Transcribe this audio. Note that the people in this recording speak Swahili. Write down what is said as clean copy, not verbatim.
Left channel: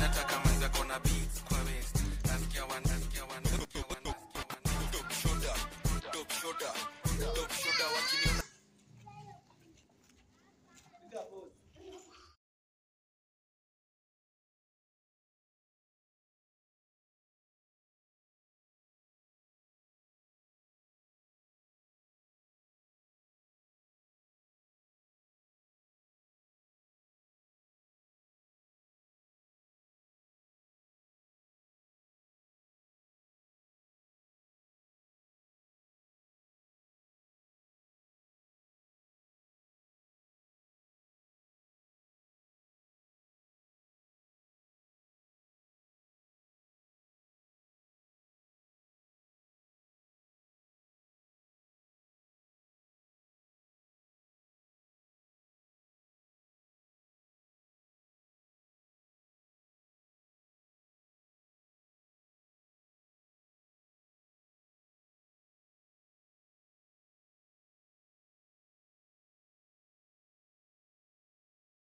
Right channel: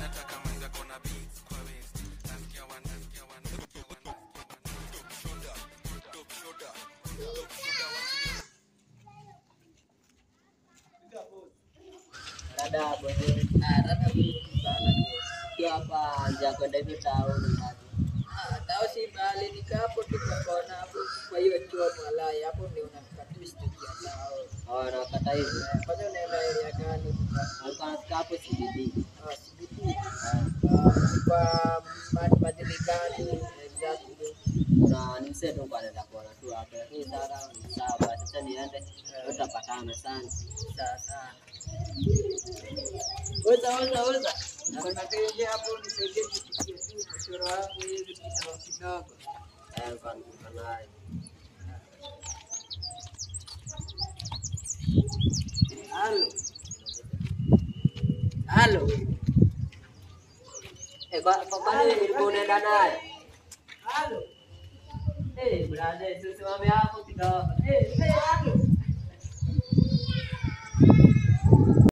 Nataka mwanza kona beats kwa waist. Nasikia one. Top shoulder wakini. Rada sana. Kia hapa nje kwenda hivi town. Tao si bali nikapo tu kwa hapo kwa hiyo chuo malaya hapo ndio unakata studio tao. Na kata hivi. Kwanza unaenda area gani? Unataka hapo CBD. CBD. Kwa madilikani exactly. Na nimseto kwa nenda kuona tu hapo. Lakini sawa sasa niende tutapatana sana. Sasa. Oza. Kuna tenge hapo nisaidie kupitia tu mchoro wangu hivi kidogo. Kwa naye. Halo. Kwa nini unaenda naye? Halo. Brother, sisi mami hapo kidogo.